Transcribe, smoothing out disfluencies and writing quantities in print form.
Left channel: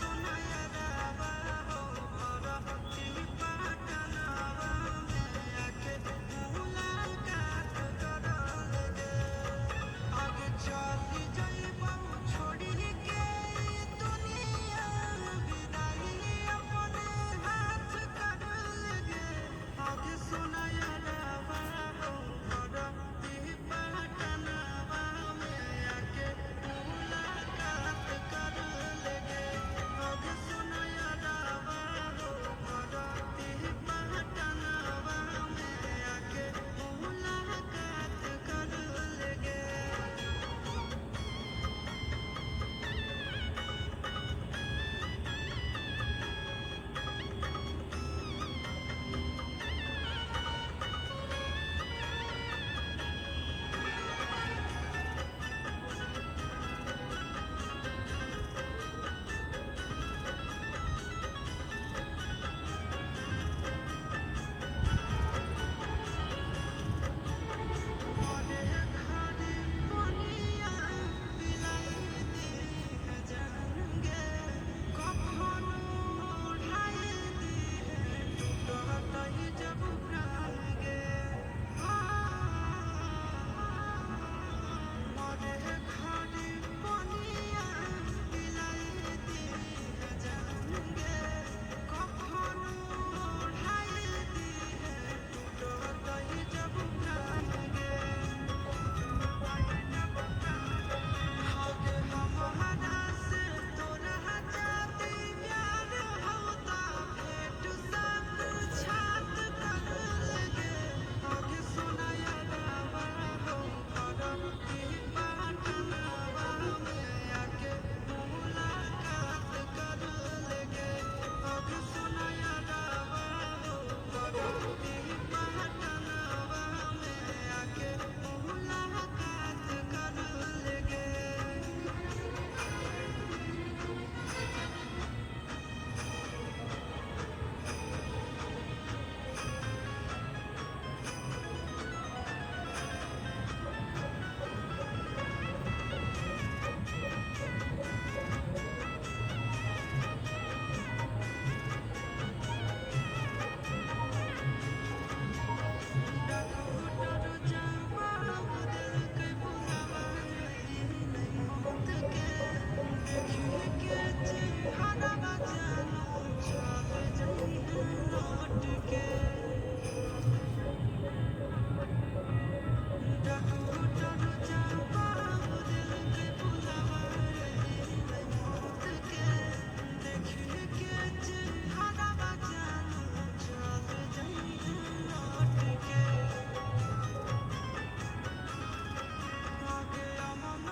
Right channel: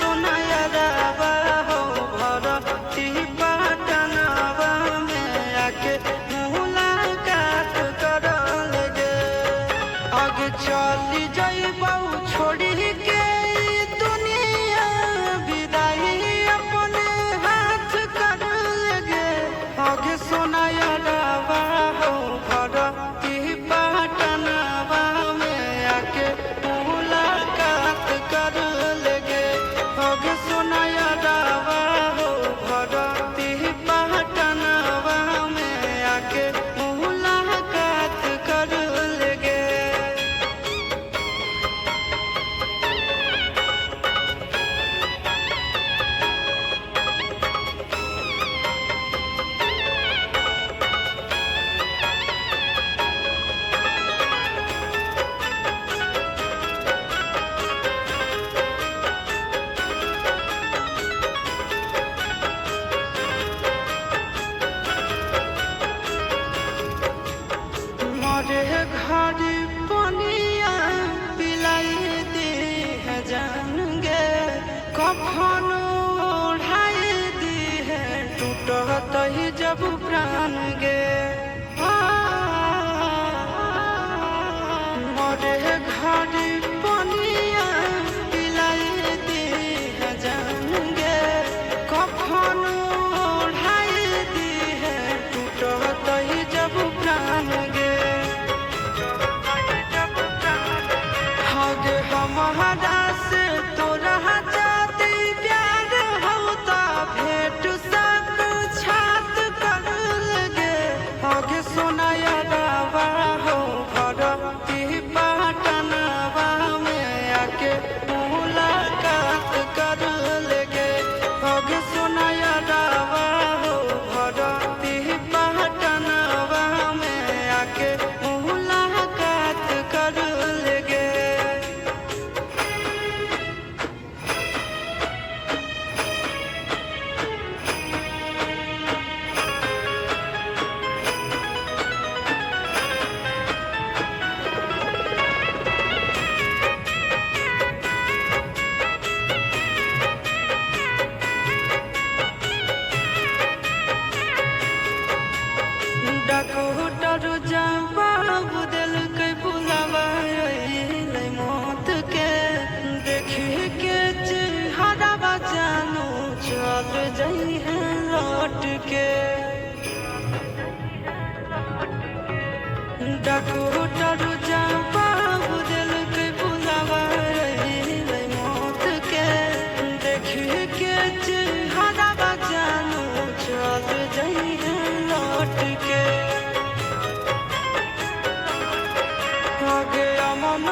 सुनाया रावा हो भरती पटनावा में आके मुलाकात करल गे। आगे चली जाइबौ छोड़ी के ई दुनिया विदाई अपने हाथ करल गे। आगे सुनाया रावा हो भरती पटनावा में आके मुलाकात करल गे। आगे सुनाया रावा हो भरती पटनावा में आके मुलाकात करल गे। मरे घर पनिया पिलाई दी है जान गे। कफन ओढ़ाई दी है टूटत ही जब प्राण गे। मरे घर पनिया पिलाई दी है जान गे। कफन ओढ़ाई दी है टूटत ही जब प्राण गे। आगे हमारा से तोरा जाती प्यार होता भेंट साक्षात करल गे। आगे सुनाया रावा हो भरती पटनावा में आके मुलाकात करल गे। आगे सुनाया रावा हो भरती पटनावा में आके मुलाकात करल गे। डॉक्टर जवाब दिलकै बुलावा अइलै मौत के। देखी के चेहरा जानू चल जइहे लौट के। डॉक्टर जवाब दिलकै बुलावा अइलै मौत के। देखी के चेहरा जानू चल जइहे लौट के। आगे अमन